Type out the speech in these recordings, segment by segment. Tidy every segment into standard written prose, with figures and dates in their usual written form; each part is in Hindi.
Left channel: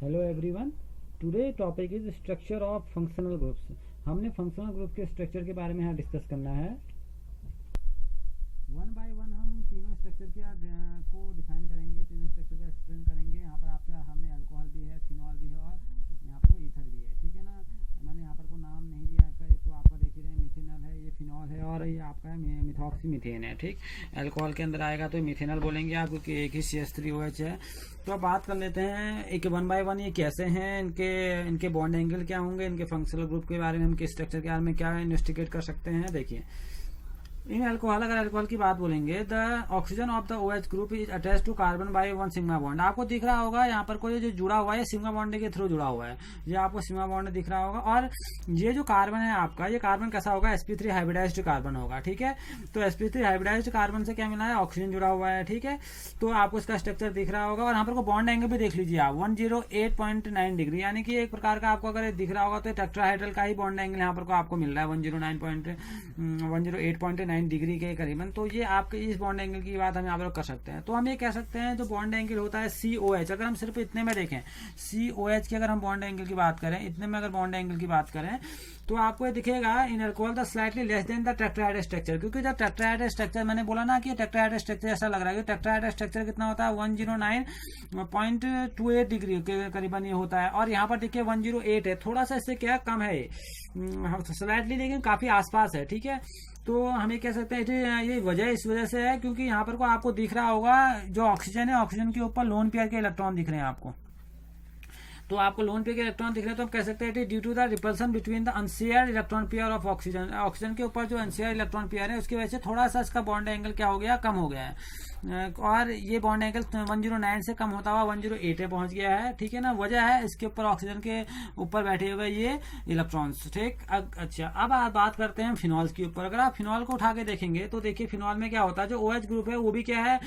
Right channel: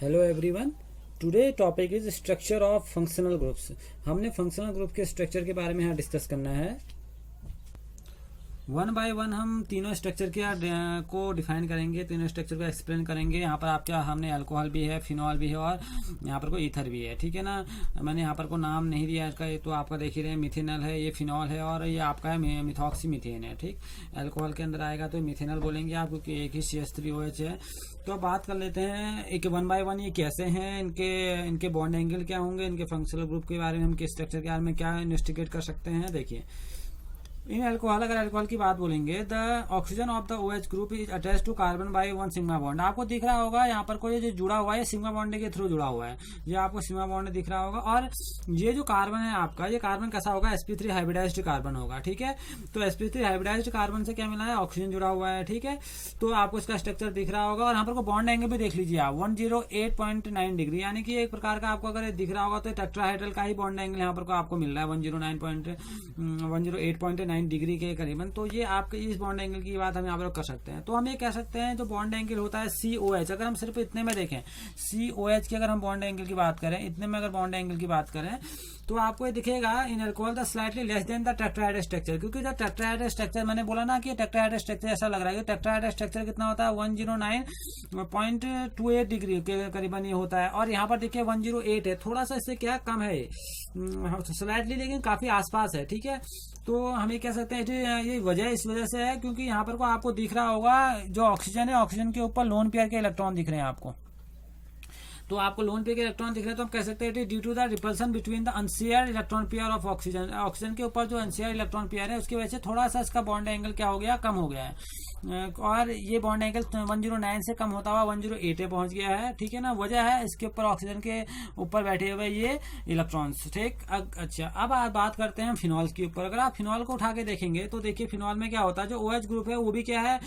Hello everyone. Today topic is structure of functional groups. हमने फंक्शनल ग्रुप के स्ट्रक्चर के बारे में यहाँ डिस्कस करना है। वन बाय वन हम तीनों स्ट्रक्चर के को डिफाइन करेंगे, तीनों स्ट्रक्चर को एक्सप्लेन करेंगे। यहाँ पर आपके हमने अल्कोहल भी है, फिनॉल भी है और यहाँ पर कोई ईथर भी है। ठीक है ना। मैंने यहाँ पर को नाम नहीं दिया इसका, ये तो आपका देख ही रहे हैं, मिथेनॉल है, ये फिनॉल है और ये आपका है मिथॉक्सी मीथेन है। ठीक, अल्कोहल के अंदर आएगा तो मिथेनॉल बोलेंगे आप, क्योंकि एक ही CH3OH है। तो अब बात कर लेते हैं एक वन बाय वन ये कैसे हैं, इनके बॉन्ड एंगल क्या होंगे, इनके फंक्शनल ग्रुप के बारे में, इनके स्ट्रक्चर के बारे में क्या इन्वेस्टिगेट कर सकते हैं। देखिए, इन अल्कोहल, अगर अल्कोहल की बात बोलेंगे, the oxygen of the OH group is attach to carbon by one sigma bond. आपको दिख रहा होगा यहाँ पर कोई जो जुड़ा हुआ है सिग्मा बॉन्ड के थ्रू जुड़ा हुआ है, ये आपको सिग्मा बॉन्ड दिख रहा होगा। और ये जो कार्बन है आपका, ये कार्बन कैसा होगा, sp3 हाइब्रिडाइज्ड कार्बन होगा। ठीक है, तो sp3 हाइब्रिडाइज्ड कार्बन से क्या मिला है, ऑक्सीजन जुड़ा हुआ है। ठीक है, तो आपको इसका स्ट्रक्चर दिख रहा होगा और यहाँ पर को बॉन्ड एंगल भी देख लीजिए आप, 108.9 डिग्री, यानी कि एक प्रकार का आपको अगर दिख रहा होगा तो टेट्राहाइड्रल का ही बॉन्ड एंगल यहाँ पर को आपको मिल रहा है 108.9 डिग्री के करीबन। तो ये आपके इस बॉन्ड एंगल की बात हम यहाँ पर कर सकते हैं। तो हम ये कह सकते हैं जो बॉन्ड एंगल होता है COH, अगर हम सिर्फ इतने में देखें, COH की अगर हम बॉन्ड एंगल की बात करें, इतने में अगर बॉन्ड एंगल की बात करें, तो आपको ये दिखेगा in alcohol the slightly less than the tetrahedral structure. क्योंकि जब टेट्राहाइड्रल स्ट्रक्चर, मैंने बोला ना कि टेट्राहाइड्रल स्ट्रक्चर ऐसा लग रहा है कि टेट्राहाइड्रल स्ट्रक्चर कितना होता है, 109.28 डिग्री के करीबन ये होता है। और यहाँ पर देखिए 108 है, थोड़ा सा इससे क्या कम है स्लाइटली, लेकिन काफी आसपास है। ठीक है, तो हम ये कह सकते हैं ये वजह इस वजह से है क्योंकि यहाँ पर को आपको दिख रहा होगा जो ऑक्सीजन है, ऑक्सीजन के ऊपर लोन पेयर के इलेक्ट्रॉन दिख रहे हैं आपको। तो आपको लोन पेयर के इलेक्ट्रॉन दिख रहे हैं, तो हम कह सकते हैं due to the repulsion between the unshared electron pair of oxygen. Oxygen के ऊपर जो अनशेयर्ड इलेक्ट्रॉन पेयर है उसकी वजह से थोड़ा सा इसका बॉन्ड एंगल क्या हो गया, कम हो गया है। और ये बॉन्ड एंगल 109 से कम होता हुआ 108 पे पहुंच गया है। ठीक है ना, वजह है इसके ऊपर ऑक्सीजन के ऊपर बैठे हुए ये इलेक्ट्रॉन्स। ठीक, अच्छा, अब बात करते हैं फिनॉल के ऊपर। अगर आप फिनॉल को उठा के देखेंगे तो देखिए फिनॉल में क्या होता है, जो OH ग्रुप है वो भी क्या है,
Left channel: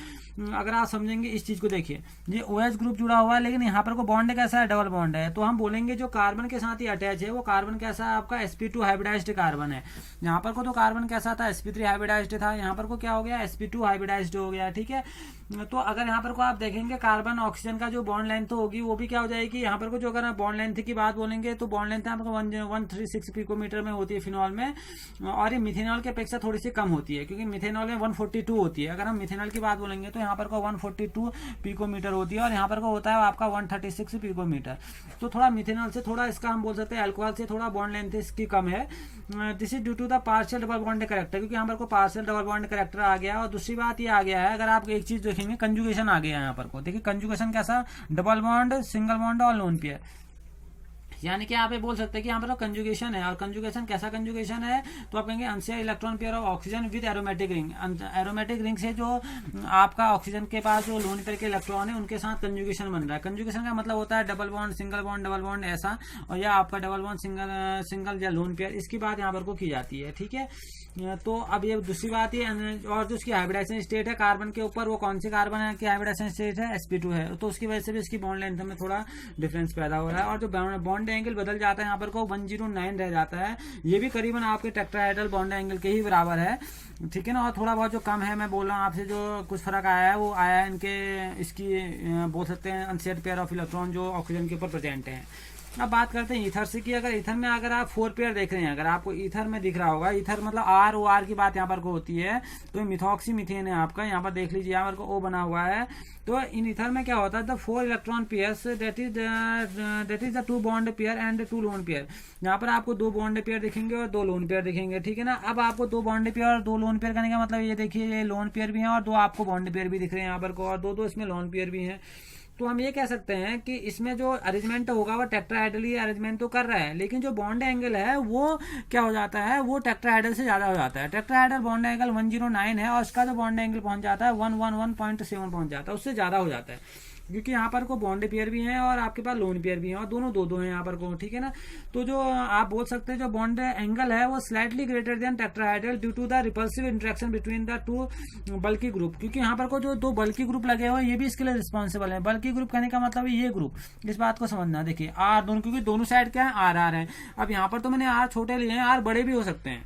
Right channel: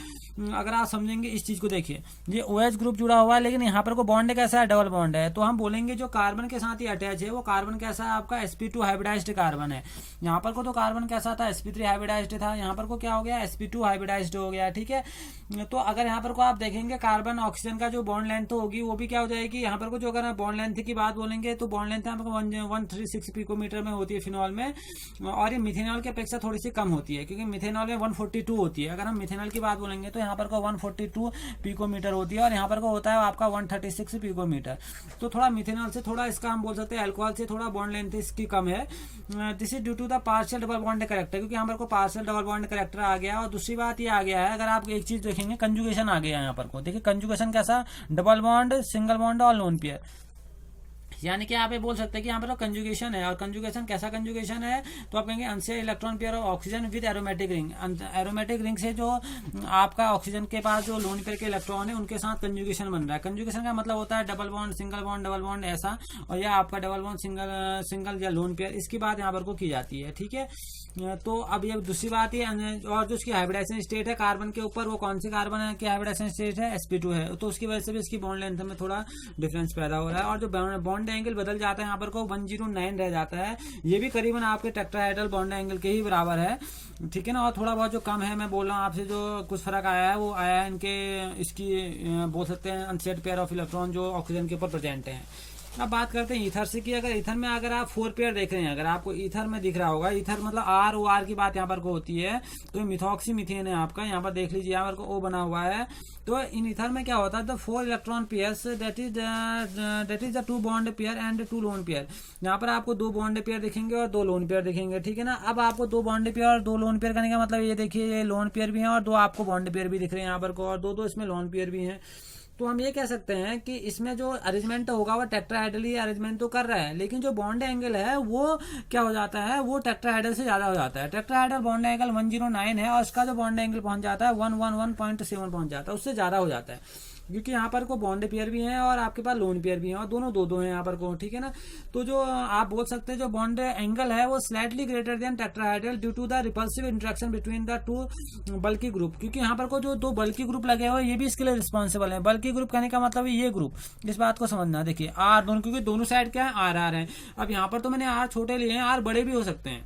अगर आप समझेंगे इस चीज को, देखिए ये OH ग्रुप जुड़ा हुआ है, लेकिन यहाँ पर को बॉन्ड कैसा है, डबल बॉन्ड है। तो हम बोलेंगे जो कार्बन के साथ ही अटैच है वो कार्बन कैसा है आपका, sp2 हाइब्रिडाइज्ड कार्बन है। यहाँ पर को तो कार्बन कैसा था, sp3 हाइब्रिडाइज्ड था, यहाँ पर को क्या हो गया, sp2 हाइब्रिडाइज्ड हो गया। ठीक है, तो अगर यहाँ पर को आप देखेंगे कार्बन ऑक्सीजन का जो बॉन्ड लेंथ होगी वो भी क्या हो जाएगी, यहाँ पर को जो अगर बॉन्ड लेंथ की बात बोलेंगे तो बॉन्ड लेंथ आपको 136 पिकोमीटर में होती है फिनॉल में, और ये मिथेनॉल की अपेक्षा थोड़ी सी कम होती है, क्योंकि मिथेनॉल में 142 होती है। अगर हम मिथेनॉल की बात बोलेंगे तो यहाँ पर को 142 पिकोमीटर होती है और यहाँ पर को होता है आपका 136 पिकोमीटर। तो थोड़ा मिथेनॉल से थोड़ा इसका हम बोल सकते हैं अल्कोहल से थोड़ा बॉन्ड लेंथ इसकी कम है। This is due to the partial double bond character, क्योंकि यहाँ पर को पार्शियल डबल बॉन्ड कैरेक्टर आ गया। और दूसरी बात ये आ गया है, अगर आप एक चीज देखेंगे, कंजुगेशन आ गया यहाँ पर को, देखिए कंजुगेशन कैसा, डबल बॉन्ड, सिंगल बॉन्ड और लोन पेयर, यानी कि आप ये बोल सकते हैं कि यहाँ पर कंजुगेशन है। और कंजुगेशन कैसा कंजुगेशन है, तो आप कहेंगे unshared electron pair of oxygen with aromatic ring. Aromatic ring से जो आपका ऑक्सीजन के पास जो लोन पेयर के इलेक्ट्रॉन है उनके साथ कंजुगेशन बन रहा है। कंजुगेशन का मतलब होता है double bond, single bond, double bond ऐसा, और या आपका डबल बॉन्ड, सिंगल या लोन पेयर, इसकी बात यहाँ पर को की जाती है। ठीक है, तो अब ये दूसरी बात ये, और जो उसकी हाइब्रिडाइजेशन स्टेट है कार्बन के ऊपर, वो कौन सी कार्बन है की हाइब्रिडाइजेशन स्टेट है, sp2 है। तो उसकी वजह से भी इसकी बॉन्ड लेंथ में थोड़ा डिफरेंस पैदा हो रहा है और जो बॉन्ड एंगल बदल जाता है यहाँ पर को 109 रह जाता है। ये भी करीबन आपके टेट्राहाइड्रल बॉन्ड एंगल के ही बराबर है। ठीक है ना, और थोड़ा बहुत जो कम है, मैं बोल रहा हूँ आपसे, जो कुछ फर्क आया है वो आया है इनके, इसकी बोल सकते हैं अनशेयर्ड पेयर ऑफ इलेक्ट्रॉन जो ऑक्सीजन के ऊपर प्रेजेंट है। अब बात करते हैं ईथर से कि अगर ईथर में अगर आप 4 पेयर देख रहे हैं, अगर आपको ईथर में दिख रहा होगा, ईथर मतलब ROR की बात यहाँ पर को होती है, तो मिथॉक्सी मीथेन है आपका, यहाँ पर देख लीजिए यहाँ पर को O बना हुआ है। तो इन ईथर में क्या होता है, the 4 electron pairs that is the 2 bond pair and 2 lone pair. यहाँ पर आपको 2 बॉन्ड पेयर दिखेंगे और 2 लोन पेयर दिखेंगे। ठीक है ना, अब आपको 2 बॉन्ड पेयर और 2 लोन पेयर करने का मतलब ये देखिए, ये लोन पेयर भी है और 2 आपको बॉन्ड पेयर भी दिख रहे हैं यहाँ पर को, और 2 इसमें लोन पेयर भी है। तो हम ये कह सकते हैं कि इसमें जो अरेंजमेंट होगा वो टेट्राहाइड्रली अरेंजमेंट तो कर रहा है, लेकिन जो बॉन्ड एंगल है वो क्या हो जाता है, वो टेट्राहाइड्रल से ज्यादा हो जाता है। टेट्राहाइड्रल बॉन्ड एंगल 109 है और उसका जो बॉन्ड एंगल पहुंच जाता है 111.7 पहुंच जाता है, उससे ज्यादा हो जाता है, क्योंकि यहाँ पर को बॉन्ड पेयर भी हैं और आपके पास लोन पेयर भी हैं और दोनों दो हैं यहाँ पर को। ठीक है ना, तो जो आप बोल सकते हैं जो बॉन्ड एंगल है वो slightly greater than tetrahedral due to the repulsive interaction between the 2 bulky group, क्योंकि यहाँ पर को जो 2 बल्की ग्रुप लगे हुए ये भी इसके लिए रिस्पॉन्सिबल है। बल्की ग्रुप कहने का मतलब है ये ग्रुप, इस बात को समझना। देखिए R दोनों, क्योंकि दोनों साइड क्या है, RR है। अब यहाँ पर तो मैंने R छोटे लिए हैं, R बड़े भी हो सकते हैं।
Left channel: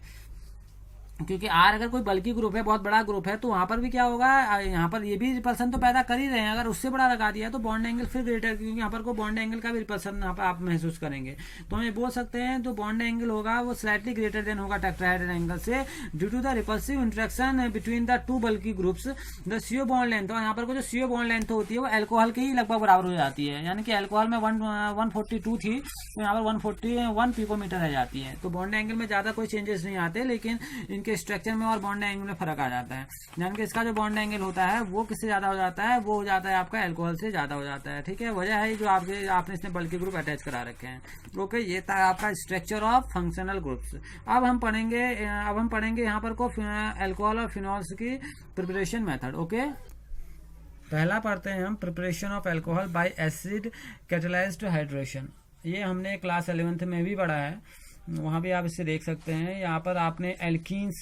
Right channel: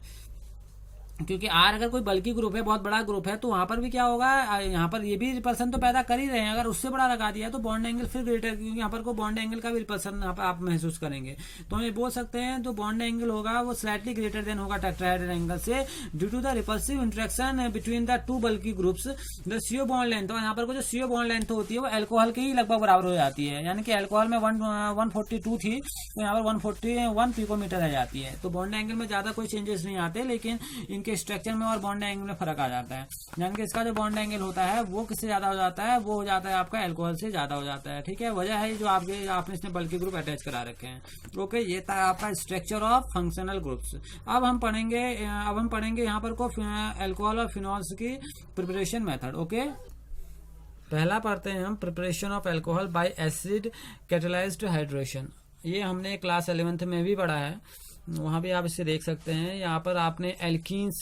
क्योंकि आर अगर कोई बल्कि ग्रुप है, बहुत बड़ा ग्रुप है, तो वहां पर भी क्या होगा, यहाँ पर ये भी रिपल्सन तो पैदा कर ही रहे हैं, अगर उससे बड़ा लगा दिया तो बॉन्ड एंगल फिर ग्रेटर, क्योंकि यहाँ पर को बॉन्ड एंगल का भी रिपल्सन यहाँ पर आप महसूस करेंगे। तो हम ये बोल सकते हैं जो बॉन्ड एंगल होगा वो स्लाइटली ग्रेटर देन होगा टेट्राहेड्रल एंगल से, due to the repulsive interaction between the two bulky groups. The CO bond length, और यहाँ पर को जो सीओ बॉन्ड लेंथ होती है वो एल्कोहल के ही लगभग बराबर हो जाती है, यानी कि एल्कोहल में 142 थी, तो यहाँ पर 141 पिकोमीटर रह जाती है। तो बॉन्ड एंगल में ज़्यादा कोई चेंजेस नहीं आते, लेकिन इनके स्ट्रक्चर में और बॉन्ड एंगल में फर्क आ जाता है। यानी कि इसका जो बॉन्ड एंगल होता है वो किससे ज़्यादा हो जाता है, वो हो जाता है आपका एल्कोहल से ज़्यादा हो जाता है। ठीक है, वजह है जो आपने इसमें बल्कि ग्रुप अटैच करा रखे हैं। ओके, ये था आपका स्ट्रक्चर ऑफ फंक्शनल ग्रुप्स। अब हम पढ़ेंगे यहाँ पर को एल्कोहल और फिनॉल्स की प्रिपरेशन मेथड। ओके, पहला पढ़ते हैं हम preparation of alcohol bye acid catalysed hydration. ये हमने क्लास 11th में भी पढ़ा है, वहाँ भी आप इसे देख सकते हैं। यहाँ पर आपने एल्कीन्स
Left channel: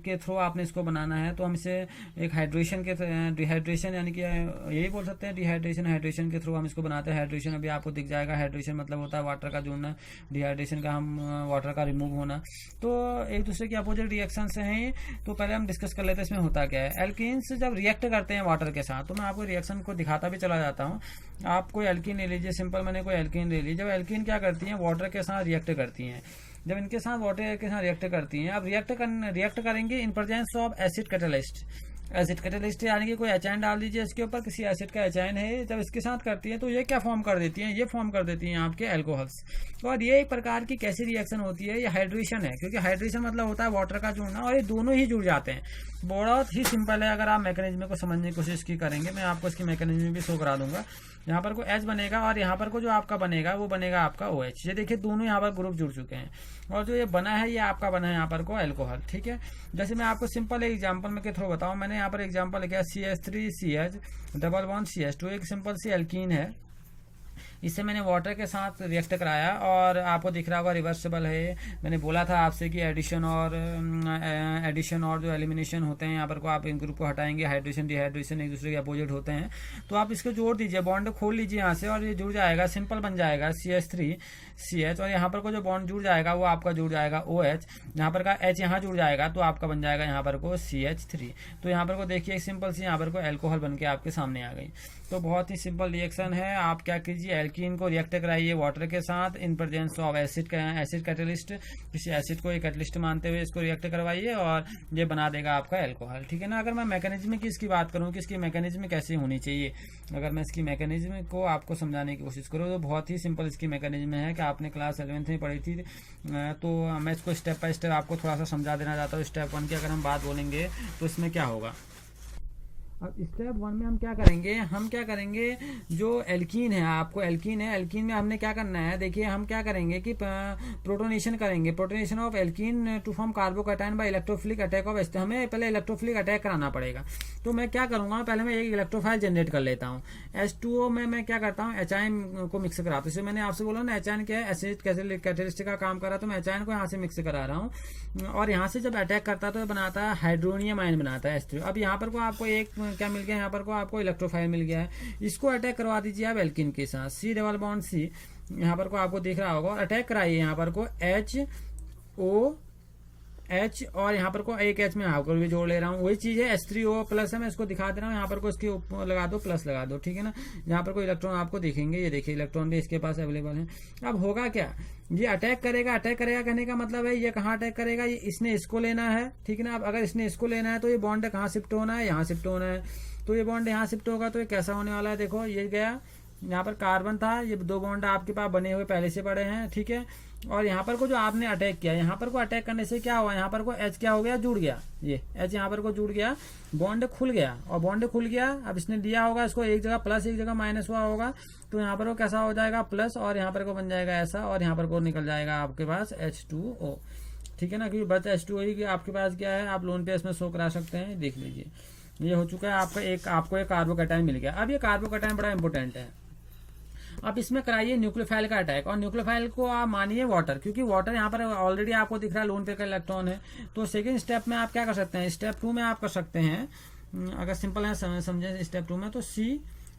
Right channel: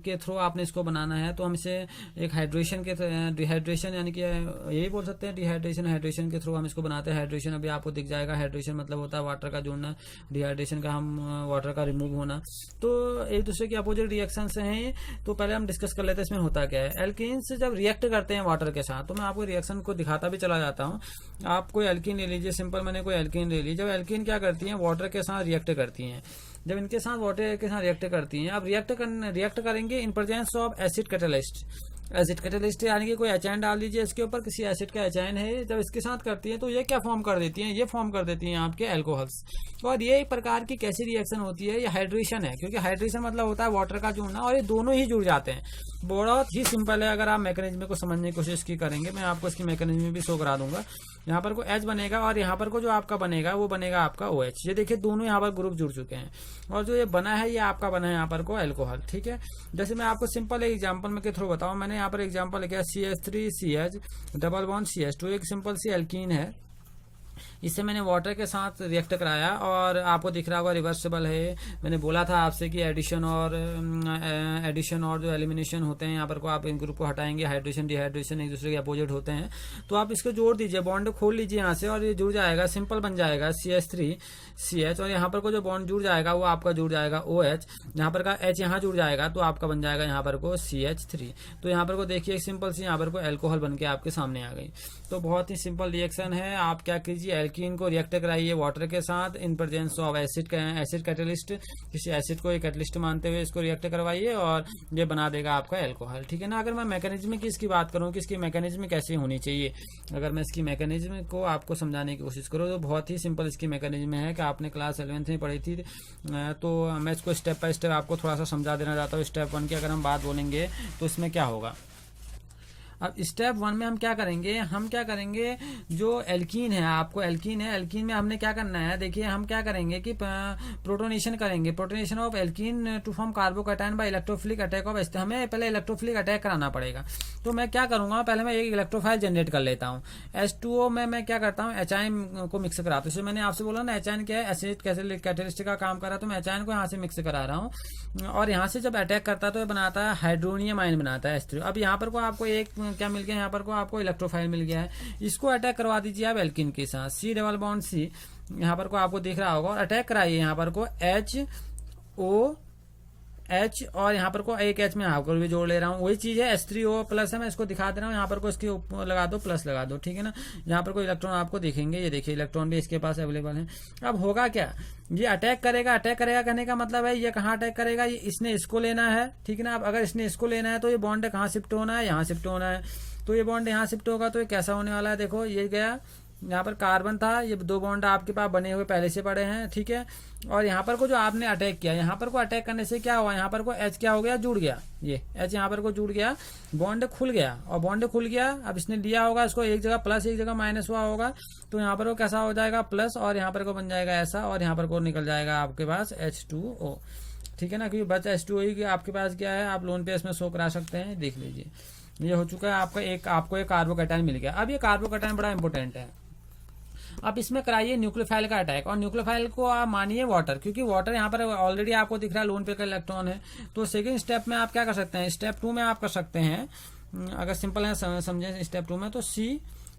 के थ्रू आपने इसको बनाना है, तो हम इसे एक हाइड्रेशन के डिहाइड्रेशन, यानी कि यही बोल सकते हैं हाइड्रेशन के थ्रू हम इसको बनाते हैं। हाइड्रेशन अभी आपको दिख जाएगा, हाइड्रेशन मतलब होता है वाटर का जुड़ना, डिहाइड्रेशन का हम वाटर का रिमूव होना। तो एक दूसरे की अपोजिट रिएक्शन हैं, तो पहले हम डिस्कस कर लेते हैं इसमें होता क्या है। एल्कीन्स जब रिएक्ट करते हैं वाटर के साथ, तो मैं आपको रिएक्शन को दिखाता भी चला जाता हूँ। आप कोई एल्कीन ले लीजिए, सिंपल मैंने कोई एल्कीन ले ली। जब एल्कीन क्या करती है, वाटर के साथ रिएक्ट करती हैं। जब इनके साथ वाटर के साथ रिएक्ट करती हैं, अब रिएक्ट करेंगे in presence of acid catalyst यानी कि कोई एचाइन डाल दीजिए इसके ऊपर, किसी एसिड का एचाइन है, जब इसके साथ करती है तो ये क्या फॉर्म कर देती हैं, ये फॉर्म कर देती हैं आपके एल्कोहल्स। और ये एक प्रकार की कैसी रिएक्शन होती है, ये हाइड्रेशन है, क्योंकि हाइड्रेशन मतलब होता है वाटर का जुड़ना, और ये दोनों ही जुड़ जाते हैं। बहुत ही सिंपल है, अगर आप मैकेनिज्म को समझने की कोशिश की करेंगे, मैं आपको इसकी मैकेनिज्म भी शो करा दूंगा। यहाँ पर को H बनेगा और यहाँ पर को जो आपका बनेगा वो बनेगा आपका OH। ये देखिए दोनों यहाँ पर ग्रुप जुड़ चुके हैं, और जो ये बना है ये आपका बना है यहाँ पर को एल्कोहल। ठीक है, जैसे मैं आपको सिंपल एक एग्जांपल में के थ्रू बताऊँ। मैंने यहाँ पर एग्जांपल लिखा है CH3CH डबल बॉन्ड CH2, एक सिंपल सी एल्कीन है। इससे मैंने वाटर के साथ रिएक्ट कराया और आपको दिख रहा होगा रिवर्सिबल है। मैंने बोला था आपसे कि एडिशन और जो एलिमिनेशन होते हैं, यहाँ पर को आप इन ग्रुप को हटाएंगे, हाइड्रेशन डिहाइड्रेशन एक दूसरे के अपोजिट होते हैं। तो आप इसको जोड़ दीजिए, बॉन्ड खोल लीजिए यहाँ से, और ये जुड़ जाएगा, सिंपल बन जाएगा CH3CH, और यहाँ पर को जो बॉन्ड जुड़ जाएगा वो आपका जुड़ जाएगा OH। यहाँ पर का H यहाँ जुड़ जाएगा तो आपका बन जाएगा यहाँ पर को CH3। तो यहाँ पर को देखिए सिंपल सी यहाँ पर को एल्कोहल बन के आपके सामने आ गई। तो बहुत ही सिंपल रिएक्शन है। आप क्या कीजिए, एल्कीन को रिएक्ट कराइए वाटर के साथ in presence of acid catalyst, किसी एसिड को एक कैटलिस्ट मानते हुए इसको रिएक्ट करवाइए और ये बना देगा आपका एल्कोहल। ठीक है ना। अगर मैं मैकेनिज्म की इसकी बात करूँ कि इसकी मैकेनिज्म कैसी होनी चाहिए, अगर मैं इसकी मैकेनिज्म को आपको समझाने की कोशिश करूँ तो बहुत ही सिंपल इसकी मैकेनिज्म है कि आपने क्लास 11th में पढ़ी थी। तो मैं इसको स्टेप बाय स्टेप आपको थोड़ा सा समझा देना चाहता हूँ। स्टेप 1 की अगर हम बात बोलेंगे तो इसमें क्या होगा। अब स्टेप 1 में हम क्या करेंगे, जो एल्कीन है, आपको एल्कीन है, एल्कीन में हमने क्या करना है, देखिए हम क्या करेंगे कि प्रोटोनेशन करेंगे, protonation of alkene to form carbocation by electrophilic attack of हमें पहले इलेक्ट्रोफिलिक अटैक कराना पड़ेगा। तो मैं क्या करूंगा, पहले मैं एक इलेक्ट्रोफाइल जनरेट कर लेता हूँ। H2O में मैं क्या करता हूँ, एचाइन को मिक्स कराता हूँ। जैसे मैंने आपसे बोला ना एचाइन क्या है, एसिड कैटेलिस्ट का काम कर रहा, तो मैं एचाइन को यहाँ से मिक्स करा रहा हूँ, और यहाँ से जब अटैक करता है तो ये बनाता है हाइड्रोनियम आयन बनाता है H3। अब यहाँ पर को आपको एक क्या मिल गया, यहाँ पर को आपको इलेक्ट्रोफाइल मिल गया है, इसको अटैक करवा दीजिए आप एल्कीन के साथ, C डबल बॉन्ड C, यहाँ पर को आपको दिख रहा होगा, और अटैक कराइए यहाँ पर को H और यहाँ पर को एक H में हाफ भी जोड़ ले रहा हूँ, वही चीज है H3O प्लस है, मैं इसको दिखा दे रहा हूँ। यहाँ पर को इसके ऊपर लगा दो, प्लस लगा दो, ठीक है ना। यहाँ पर कोई इलेक्ट्रॉन आपको दिखेंगे, ये देखिए इलेक्ट्रॉन भी इसके पास अवेलेबल है। अब होगा क्या, ये अटैक करेगा कहने का मतलब है ये कहाँ अटैक करेगा, ये इसने इसको लेना है, ठीक है ना। अब अगर इसने इसको लेना है तो ये बॉन्ड कहाँ शिफ्ट होना है, यहाँ शिफ्ट होना है। तो ये बॉन्ड यहाँ शिफ्ट होगा तो ये कैसा होने वाला है, देखो ये गया, यहाँ पर कार्बन था, ये दो बॉन्ड आपके पास बने हुए पहले से पड़े हैं, ठीक है। और यहाँ पर को जो आपने अटैक किया, यहाँ पर को अटैक करने से क्या हुआ, यहाँ पर को H क्या हो गया, जुड़ गया, ये H यहाँ पर को जुड़ गया, बॉन्ड खुल गया, और बॉन्ड खुल गया। अब इसने लिया होगा इसको, एक जगह प्लस एक जगह माइनस हुआ होगा, तो यहाँ पर को कैसा हो जाएगा प्लस, और यहाँ पर को बन जाएगा ऐसा, और यहाँ पर को निकल जाएगा आपके पास H2O, ठीक है ना। क्योंकि बच H2O ही आपके पास क्या है, आप लोन पे इसमें शो करा सकते हैं, देख लीजिए ये हो चुका है। आपको एक कार्बोकैटायन मिल गया। अब ये कार्बोकैटायन बड़ा इंपॉर्टेंट है। अब इसमें कराइए न्यूक्लियोफाइल का अटैक, और न्यूक्लियोफाइल को आप मानिए वाटर, क्योंकि वाटर यहाँ पर ऑलरेडी आपको दिख रहा है लोन पे का इलेक्ट्रॉन है। तो सेकंड स्टेप में आप क्या कर सकते हैं, स्टेप 2 में आप कर सकते हैं, अगर सिंपल है समझे स्टेप 2 में, तो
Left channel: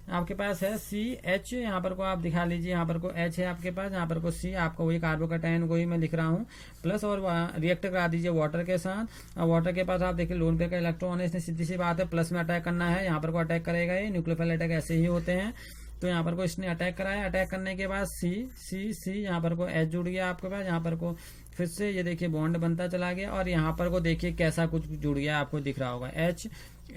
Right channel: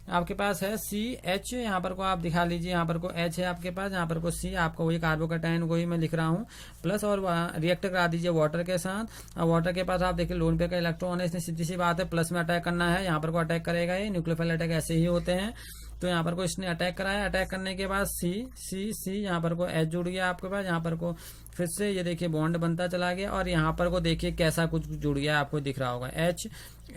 आपके पास है CH, यहाँ पर को आप दिखा लीजिए, यहाँ पर को H है आपके पास, यहाँ पर को C, आपका वही कार्बोकैटायन वही मैं लिख रहा हूँ, प्लस और रिएक्ट करा दीजिए वाटर के साथ। और वाटर के पास आप देखिए लोन पेयर का इलेक्ट्रॉन है, इसमें सीधी सी बात है प्लस में अटैक करना है, यहाँ पर को अटैक करेगा, ये न्यूक्लियोफाइल अटैक ऐसे ही होते हैं। तो यहाँ पर को इसने अटैक कराया, अटैक करने के बाद C यहाँ पर को H जुड़ गया आपके पास, यहाँ पर को फिर से ये देखिए बॉन्ड बनता चला गया, और यहाँ पर को देखिए कैसा कुछ जुड़ गया, आपको दिख रहा होगा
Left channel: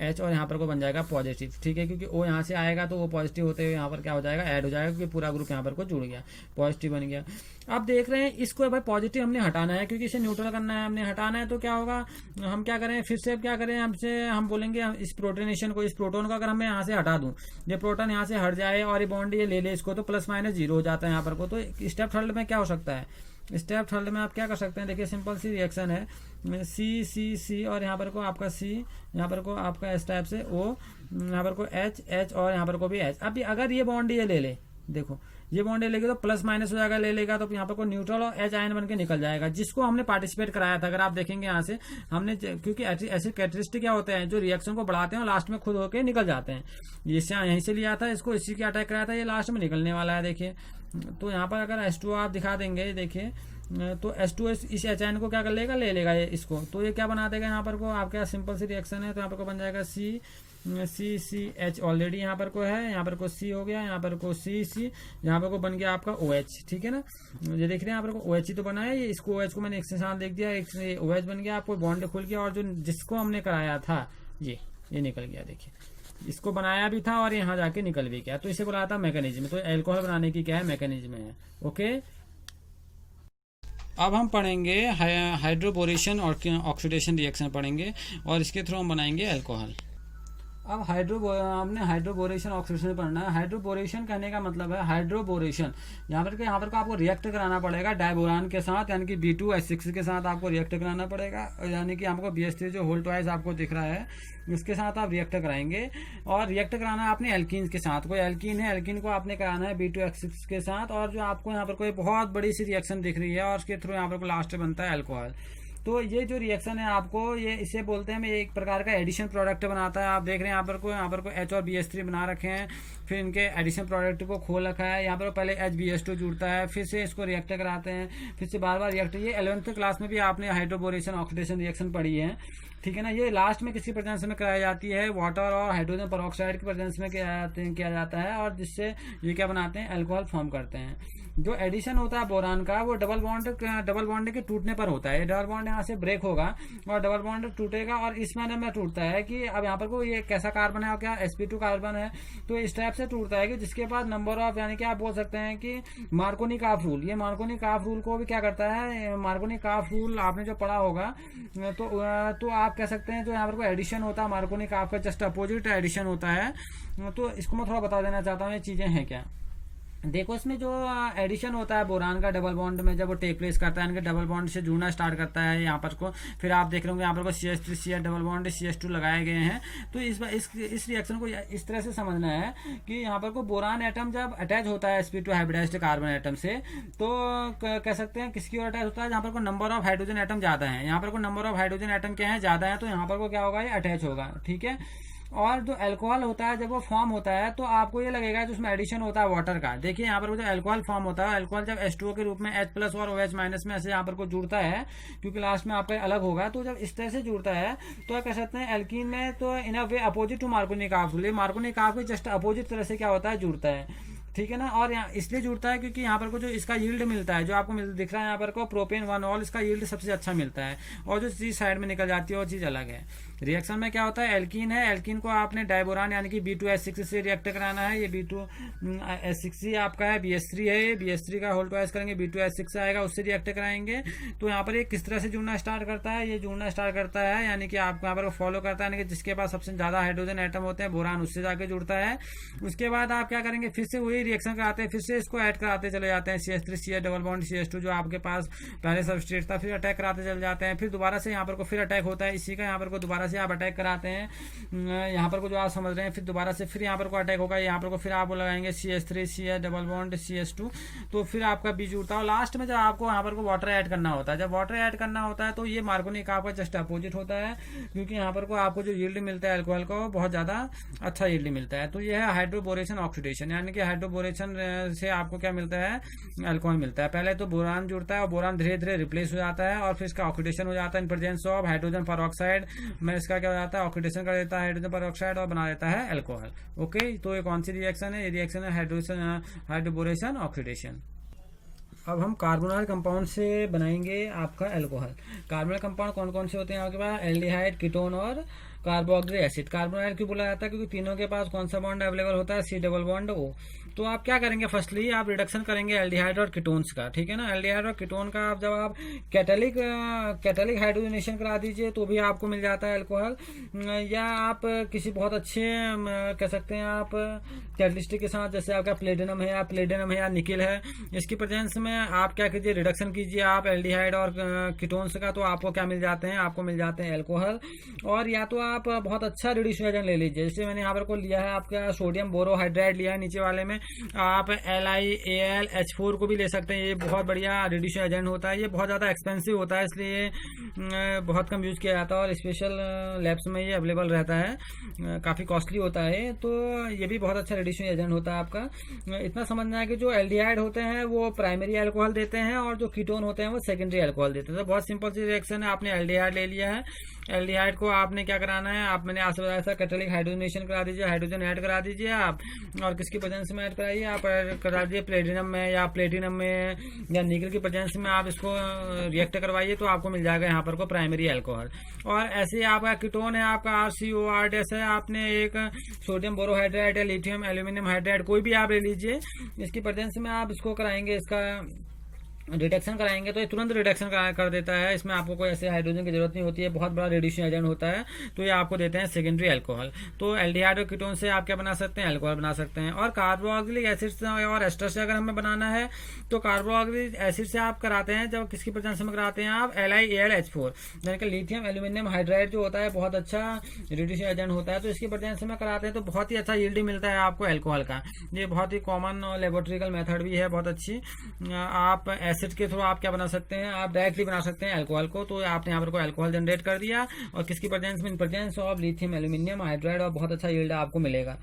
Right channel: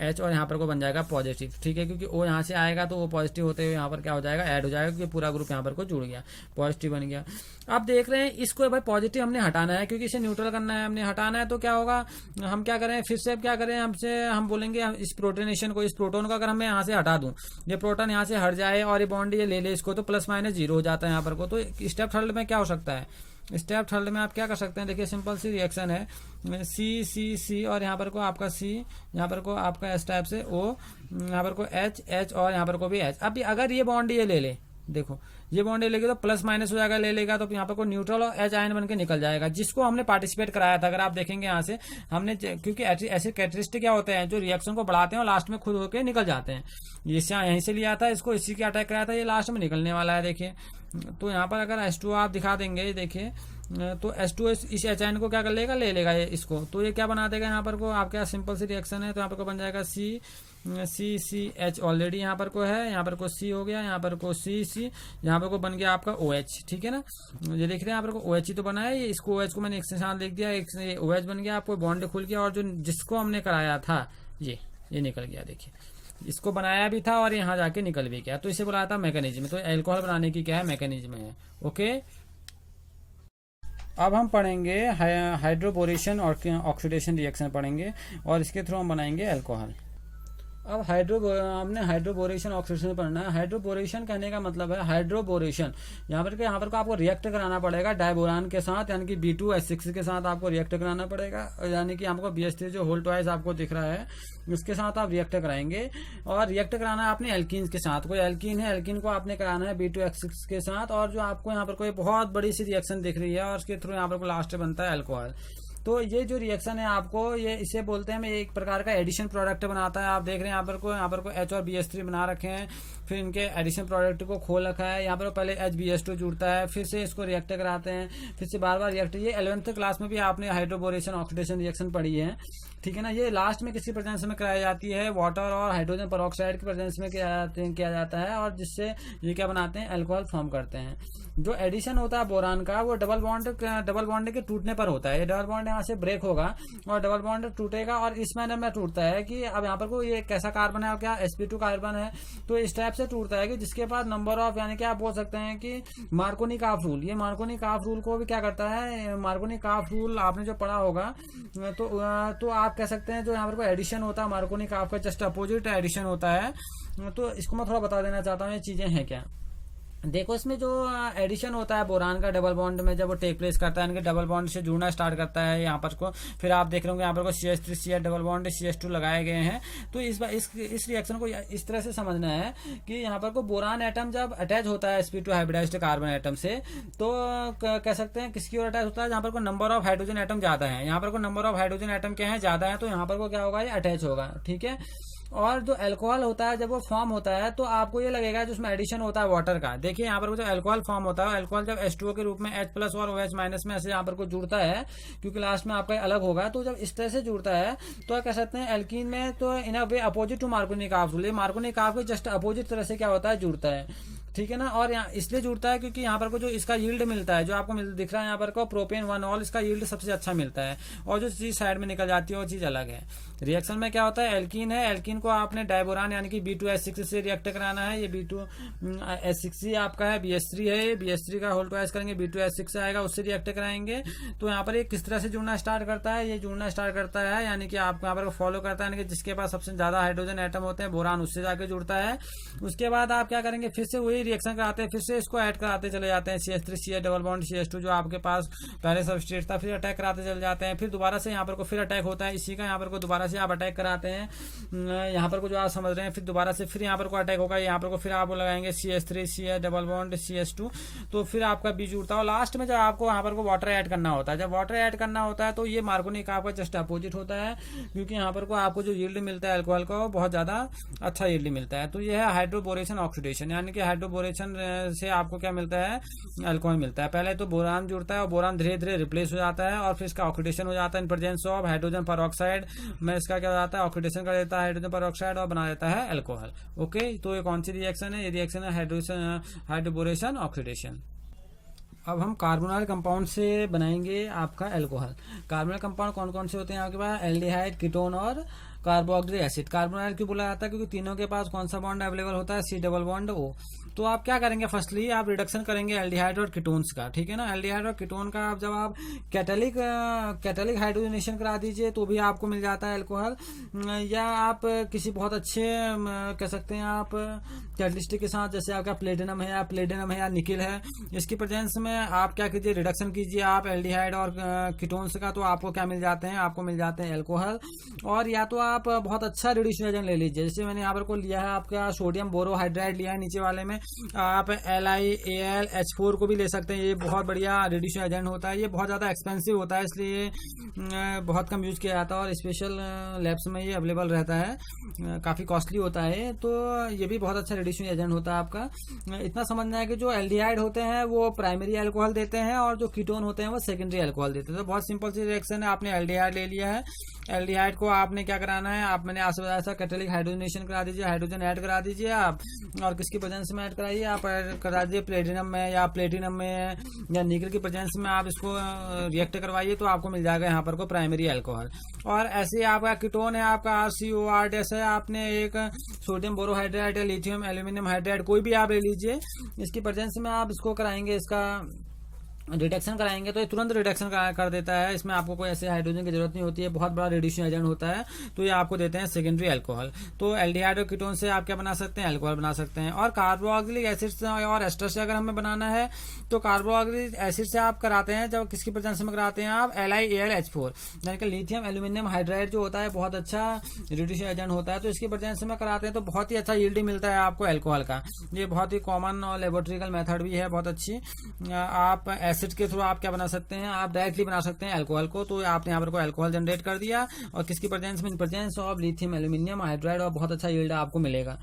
H और यहाँ पर को बन जाएगा पॉजिटिव, ठीक है, क्योंकि O यहाँ से आएगा तो वो पॉजिटिव होते हुए यहाँ पर क्या हो जाएगा, ऐड हो जाएगा, क्योंकि पूरा ग्रुप यहाँ पर को जुड़ गया, पॉजिटिव बन गया। अब देख रहे हैं इसको भाई पॉजिटिव हमने हटाना है, क्योंकि इसे न्यूट्रल करना है, हमने हटाना है, तो क्या होगा, हम क्या करें, फिर से क्या करें, हम बोलेंगे इस प्रोटोनेशन को, इस प्रोटोन को अगर मैं यहाँ से हटा दूं, ये प्रोटोन यहाँ से हट जाए और ये बॉन्ड ये ले ले इसको, तो प्लस माइनस 0 हो जाता है यहाँ पर को। तो स्टेप थर्ड में क्या हो सकता है, स्टेप थर्ड में आप क्या कर सकते हैं, देखिए सिंपल सी रिएक्शन है, C और यहाँ पर को आपका C, यहाँ पर को आपका S टाइप से O, यहाँ पर को H और यहाँ पर को भी H। अब अगर ये बॉन्ड ये ले ले, देखो ये बॉन्ड ले लेगा तो प्लस माइनस हो जाएगा, ले लेगा तो यहाँ पर को न्यूट्रल और H आयन बन के निकल जाएगा, जिसको हमने पार्टिसिपेट कराया था। अगर आप देखेंगे यहाँ से हमने, क्योंकि ऐसे कैरेक्टरिस्टिक क्या होते हैं जो रिएक्शन को बढ़ाते हैं और लास्ट में खुद होकर निकल जाते हैं, इससे यहीं से लिया था, इसको इसी के अटैक कराया था, ये लास्ट में निकलने वाला है, देखिए। तो यहाँ पर अगर H2 आप दिखा देंगे, देखिए तो H2 इस H आयन को क्या कर लेगा, ले लेगा ये इसको, तो ये क्या बना देगा, यहाँ पर को आपका सिंपल सी रिएक्शन है, तो यहाँ पर को बन जाएगा CH ऑलरेडी यहाँ पर को है, यहाँ पर को C हो गया, यहाँ पर को C, यहाँ पर को बन गया आपका OH, ठीक है ना, ये देख रहे हैं यहाँ पर को OH ही तो बना है, इसको OH को मैंने एक से साथ लिख दिया, एक से OH बन गया, आपको बॉन्ड खुल गया, और जो जिसको हमने कराया था ये निकल गया, देखिए इसको बनाया भी था और यहाँ जाके निकल भी गया, तो इसे बुलाया था मैकेनिज्म। तो एल्कोहल बनाने की क्या है, मैकेनिज्म है, ओके। अब हम पढ़ेंगे हाइड्रोबोरेशन और ऑक्सीडेशन रिएक्शन पढ़ेंगे, और इसके थ्रू हम बनाएंगे अल्कोहल। अब हमने हाइड्रोबोरेशन ऑक्सीडेशन पढ़ना है। हाइड्रोबोरेशन कहने का मतलब है हाइड्रोबोरेशन, यहाँ पर को आपको रिएक्ट कराना पड़ेगा डाइबोरान के साथ, यानी कि B2H6 के साथ आपको रिएक्ट कराना पड़ेगा, यानी कि हमको BH3 जो होल ट्वाइस आपको दिख रहा है उसके साथ आप रिएक्ट कराएंगे, और रिएक्ट कराना है आपने एल्कीन के साथ। कोई एल्कीन है, एल्कीन को आपने कराना है B2H6 के साथ, और जो आपको यहाँ पर कोई बहुत बड़ी सी रिएक्शन दिख रही है, और उसके थ्रू यहाँ पर लास्ट बनता है अल्कोहल। तो ये जो रिएक्शन है आपको, ये इसे बोलते हैं, एक प्रकार का एडिशन प्रोडक्ट बनाता है। आप देख रहे हैं यहाँ पर को H और BH3 बना रखे हैं, फिर इनके एडिशन प्रोडक्ट को खोल रखा है, यहाँ पर पहले HBH2 जुड़ता है, फिर से इसको रिएक्ट कराते हैं, फिर से बार बार रिएक्ट। ये 11th क्लास में भी आपने हाइड्रोबोरेशन ऑक्सीडेशन रिएक्शन पढ़ी है, ठीक है ना। ये लास्ट में किसकी प्रेजेंस में कराई जाती है, वाटर और हाइड्रोजन पेरोक्साइड की प्रेजेंस में किया जाता है, और जिससे ये क्या बनाते हैं, अल्कोहल फॉर्म करते हैं। जो एडिशन होता है बोरान का, वो डबल बॉन्ड के टूटने पर होता है। ये डबल बॉन्ड यहाँ से ब्रेक होगा और डबल बॉन्ड टूटेगा, और इस मैनर में टूटता है कि अब यहाँ पर को ये कैसा कार्बन है, क्या sp2 कार्बन है, तो इस टाइप से टूटता है कि जिसके पास नंबर ऑफ, यानी कि आप बोल सकते हैं कि मार्कोनी काफ रूल, ये मार्कोनी काफ रूल को भी क्या करता है, मार्कोनी काफ रूल आपने जो पढ़ा होगा, तो आप कह सकते हैं जो यहाँ पर को एडिशन होता है मार्कोनी काफ का जस्ट अपोजिट एडिशन होता है। तो इसको मैं थोड़ा बता देना चाहता हूँ ये चीजें हैं क्या। देखो इसमें जो एडिशन होता है बोरान का डबल बॉन्ड में, जब वो टेक प्लेस करता है, इनके डबल बॉन्ड से जुड़ना स्टार्ट करता है यहाँ पर को, फिर आप देख रहे होंगे यहाँ पर को CH3 CH double bond CH2 लगाए गए हैं। तो इस रिएक्शन को इस तरह से समझना है कि यहाँ पर को बोरान एटम जब अटैच होता है sp2 हाइब्रिडाइज्ड कार्बन एटम से, तो कह सकते हैं किसकी ओर अटैच होता है, जहाँ पर को नंबर ऑफ हाइड्रोजन एटम ज्यादा है, यहाँ पर को नंबर ऑफ हाइड्रोजन एटम क्या है, ज्यादा है, तो यहाँ पर को क्या होगा, ये अटैच होगा, ठीक है। और जो अल्कोहल होता है जब वो फॉर्म होता है, तो आपको ये लगेगा जो उसमें एडिशन होता है वाटर का। देखिए यहाँ पर जो अल्कोहल फॉर्म होता है, अल्कोहल जब H2O के रूप में H+ और OH- में ऐसे यहाँ पर को जुड़ता है, क्योंकि लास्ट में आपका अलग होगा, तो जब इस तरह से जुड़ता है तो कह सकते हैं एल्कीन में, तो in a way opposite to Markovnikov rule, Markovnikov के जस्ट अपोजिट तरह से क्या होता है, जुड़ता है, ठीक है ना। और यहाँ इसलिए जुड़ता है क्योंकि यहाँ पर को जो इसका यील्ड मिलता है, जो आपको दिख रहा है यहाँ पर को प्रोपेन 1 इसका यील्ड सबसे अच्छा मिलता है, और जो चीज साइड में निकल जाती है वो चीज अलग है। रिएक्शन में क्या होता है, एल्कीन है, एल्कीन को आपने डाइबोरान यानी कि B2H6 से रिएक्ट कराना है, ये B2H6 आपका है, BH3 है, BH3 का होल ट्वाइस करेंगे, B2H6 आएगा, उससे रिएक्ट कराएंगे। तो यहाँ पर ये किस तरह से जुड़ना स्टार्ट करता है, ये जुड़ना स्टार्ट करता है, यानी कि आपको यहाँ पर फॉलो करता है, यानी कि जिसके पास सबसे ज्यादा हाइड्रोजन एटम होते हैं बोरान, उससे जाके जुड़ता है। उसके बाद आप क्या करेंगे, फिर से वही रिएक्शन कराते हैं, फिर से इसको ऐड कराते चले जाते हैं, CH3 CH double bond CH2 जो आपके पास पहले सबस्ट्रेट था, फिर अटैक कराते चले जाते हैं, फिर दोबारा से यहाँ पर को फिर अटैक होता है इसी का, यहाँ पर को दोबारा से आप अटैक कराते हैं यहाँ पर को जो आप समझ रहे हैं, फिर दोबारा से फिर यहाँ पर को अटैक होगा, यहाँ पर को फिर आप लगाएंगे CH3 CH double bond CH2, तो फिर आपका बीच उड़ता है। और लास्ट में जब आपको यहाँ पर को वाटर ऐड करना होता है, जब वाटर ऐड करना होता है तो ये मार्गोनिक आपका जस्ट अपोजिट होता है, क्योंकि यहाँ पर को आपको जो यील्ड मिलता है अल्कोहल का वो बहुत ज़्यादा अच्छा यील्ड मिलता है। तो ये है हाइड्रोबोरेशन ऑक्सीडेशन, यानी कि हाइड्रोबोरेशन से आपको क्या मिलता है, अल्कोहल मिलता है। पहले तो बोरान जुड़ता है और बोरान धीरे धीरे रिप्लेस हो जाता है और फिर इसका ऑक्सीडेशन हो जाता है in presence of hydrogen peroxide में। इसका क्या हो जाता है, ऑक्सीडेशन कर देता है हाइड्रोजन परऑक्साइड और बना देता है अल्कोहल। ओके, तो ये कौन सी रिएक्शन है, ये रिएक्शन है हाइड्रोबोरेशन ऑक्सीडेशन। अब हम कार्बोनाइल कंपाउंड से बनाएंगे आपका अल्कोहल। कार्बोनाइल कंपाउंड कौन कौन से होते हैं आपके पास, एल्डिहाइड, कीटोन और कार्बोक्सिलिक एसिड। कार्बोनाइल क्यों बोला जाता है, क्योंकि तीनों के पास कौन सा बॉन्ड अवेलेबल होता है, C डबल बॉन्ड O। तो आप क्या करेंगे, फर्स्टली आप रिडक्शन करेंगे एल्डिहाइड और कीटोन्स का, ठीक है ना। एल्डिहाइड और कीटोन का आप जब आप कैटलिक हाइड्रोजनेशन करा दीजिए तो भी आपको मिल जाता है अल्कोहल, या आप किसी बहुत अच्छे कह सकते हैं आप कैटलिस्ट के साथ, जैसे आपका प्लेटिनम है या निकिल है, इसकी प्रेजेंस में आप क्या कीजिए, रिडक्शन कीजिए आप एल्डिहाइड और कीटोन्स का, तो आपको क्या मिल जाते हैं, आपको मिल जाते हैं अल्कोहल। और या तो आप बहुत अच्छा रिड्यूसिंग एजेंट ले लीजिए, जैसे मैंने यहाँ पर को लिया है आपका सोडियम बोरोहाइड्राइड लिया है नीचे वाले में, आप LiAlH4 को भी ले सकते हैं। ये बहुत बढ़िया रिड्यूसिंग एजेंट होता है, ये बहुत ज़्यादा एक्सपेंसिव होता है इसलिए बहुत कम यूज़ किया जाता है और स्पेशल लैब्स में ये अवेलेबल रहता है, काफ़ी कॉस्टली होता है। तो ये भी बहुत अच्छा रिड्यूसिंग एजेंट होता है आपका। इतना समझना है कि जो एल्डिहाइड होते हैं वो प्राइमरी अल्कोहल देते हैं और जो कीटोन होते हैं वो सेकेंडरी अल्कोहल देते हैं। तो बहुत सिंपल सी रिएक्शन है, आपने एल्डिहाइड ले लिया है, एल्डिहाइड को आपने क्या कराना है, आप मैंने ऐसा कैटलिक हाइड्रोजनेशन करा दीजिए, हाइड्रोजन ऐड करा दीजिए आप, और किसकी प्रेजेंस में ऐड कराइए, आप करा दीजिए प्लेटिनम में या प्लेटिनम में या निकल की प्रेजेंस में आप इसको रिएक्ट करवाइए, तो आपको मिल जाएगा यहाँ पर को प्राइमरी अल्कोहल। और ऐसे आपका कीटोन है आपका RCOR, जैसे आपने एक सोडियम बोरोहाइड्राइड या लिथियम एल्यूमिनियम हाइड्राइड कोई भी आप ले लीजिए, इसकी प्रेजेंस में आप इसको कराएंगे, इसका रिडक्शन कराएंगे तो ये तुरंत रिडक्शन कर देता है, इसमें आपको कोई ऐसे हाइड्रोजन की जरूरत नहीं होती है, बहुत बड़ा रिड्यूसिंग एजेंट होता है। तो ये आपको देते हैं सेकेंडरी अल्कोहल। तो एल्डिहाइड और कीटोन से आप क्या बना सकते हैं, अल्कोहल बना सकते हैं। और कार्बोक्सिलिक एसिड से और एस्टर से अगर हमें बनाना है तो कार्बोक्सिलिक एसिड से आप कराते हैं, जब किसकी प्रेजेंस में कराते हैं आप, LiAlH4, यानी कि लिथियम एल्यूमिनियम हाइड्राइड जो होता है बहुत अच्छा रिड्यूसिंग एजेंट होता है, तो इसकी प्रेजेंस में कराते हैं तो बहुत ही अच्छा यील्ड मिलता है आपको अल्कोहल का। ये बहुत ही कॉमन और लेबोरेटरिकल मेथड भी है, बहुत अच्छी। आप एसिड के थ्रू आप क्या बना सकते हैं, आप डायरेक्टली बना सकते हैं अल्कोहल को। तो आपने यहाँ पर को अल्कोहल जनरेट कर दिया और किसकी प्रेजेंस में, in presence of lithium aluminium hydride, और बहुत अच्छा यील्ड आपको मिलेगा।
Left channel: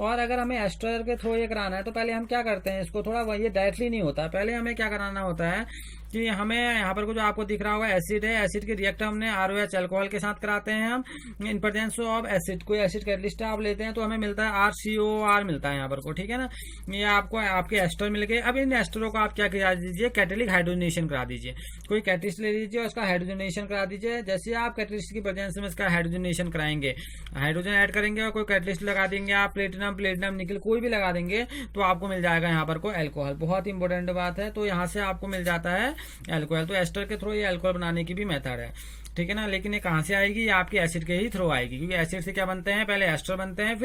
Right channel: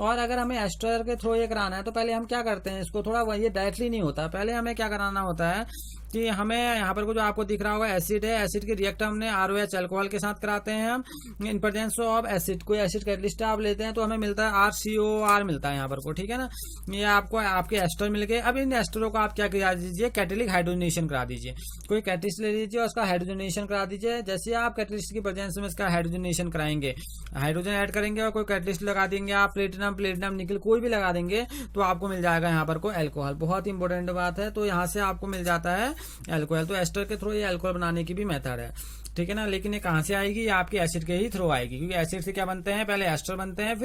और अगर हमें एस्टर के थ्रू ये कराना है तो पहले हम क्या करते हैं, इसको थोड़ा ये डायरेक्टली नहीं होता, पहले हमें क्या कराना होता है कि हमें यहाँ पर को जो आपको दिख रहा होगा एसिड है, एसिड के रिएक्ट हमने ROH अल्कोहल के साथ कराते हैं हम, इन प्रेजेंस ऑफ एसिड। कोई एसिड कैटलिस्ट आप लेते हैं तो हमें मिलता है RCOR मिलता है यहाँ पर को, ठीक है ना। ये आपको आपके एस्टर मिल गए। अब इन एस्टरों को आप क्या करा दीजिए, कैटलिक हाइड्रोजनेशन करा दीजिए। कोई कैटलिस्ट ले लीजिए और उसका हाइड्रोजनेशन करा दीजिए। जैसे आप कैटलिस्ट की प्रेजेंस में इसका हाइड्रोजनेशन कराएंगे, हाइड्रोजन ऐड करेंगे और कोई कैटलिस्ट लगा देंगे आप, प्लेटिनम निकल कोई भी लगा देंगे तो आपको मिल जाएगा यहाँ पर को अल्कोहल। बहुत इंपॉर्टेंट बात है, तो यहाँ से आपको मिल जाता है अल्कोहल। तो एस्टर के थ्रू ये अल्कोहल बनाने की भी मेथड है, ठीक है ना। लेकिन ये कहाँ से आएगी, ये आपके एसिड के ही थ्रू आएगी, क्योंकि एसिड से क्या बनते हैं, पहले एस्टर बनते हैं,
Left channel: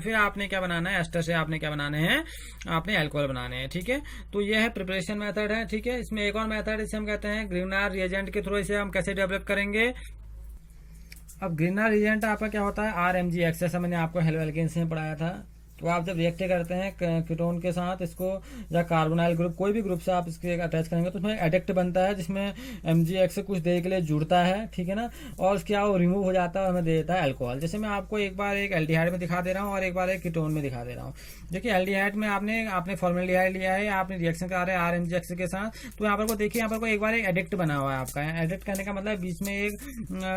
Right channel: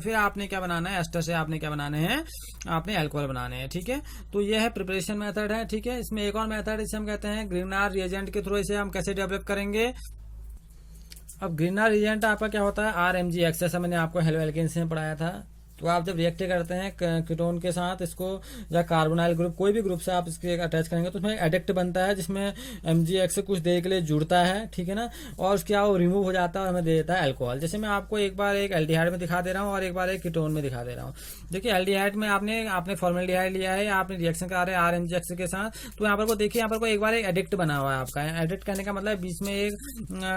फिर आपने क्या बनाना है, एस्टर से आपने क्या बनाने हैं, आपने अल्कोहल बनाने हैं, ठीक है। तो ये है प्रिपरेशन मेथड है, ठीक है। इसमें एक और मेथड इसे हम कहते हैं ग्रीनार रिएजेंट के थ्रू इसे हम कैसे डेवलप करेंगे। अब ग्रीनार रिएजेंट आपका क्या होता है, RMgX, जैसा मैंने आपको हेलो एल्केन्स में पढ़ाया था। तो आप जब रिएक्ट करते हैं कीटोन के साथ इसको, या कार्बोनाइल ग्रुप कोई भी ग्रुप से आप इसके अटैच करेंगे तो उसमें एडेक्ट बनता है जिसमें MgX से कुछ देर के लिए जुड़ता है, ठीक है ना। और उसके वो रिमूव हो जाता है और हमें दे देता है अल्कोहल। जैसे मैं आपको एक बार एक एल्डिहाइड में दिखा दे रहा हूँ और एक बार एक कीटोन में दिखा दे रहा हूँ। देखिए एल्डिहाइड में आपने फॉर्मेल्डिहाइड लिया है, आपने रिएक्शन करा रहे हैं RMgX के साथ। तो यहाँ पर को देखिए, यहाँ पर को एक बार एक एडिक्ट बना हुआ है आपका। एडिक्ट करने का मतलब बीच में एक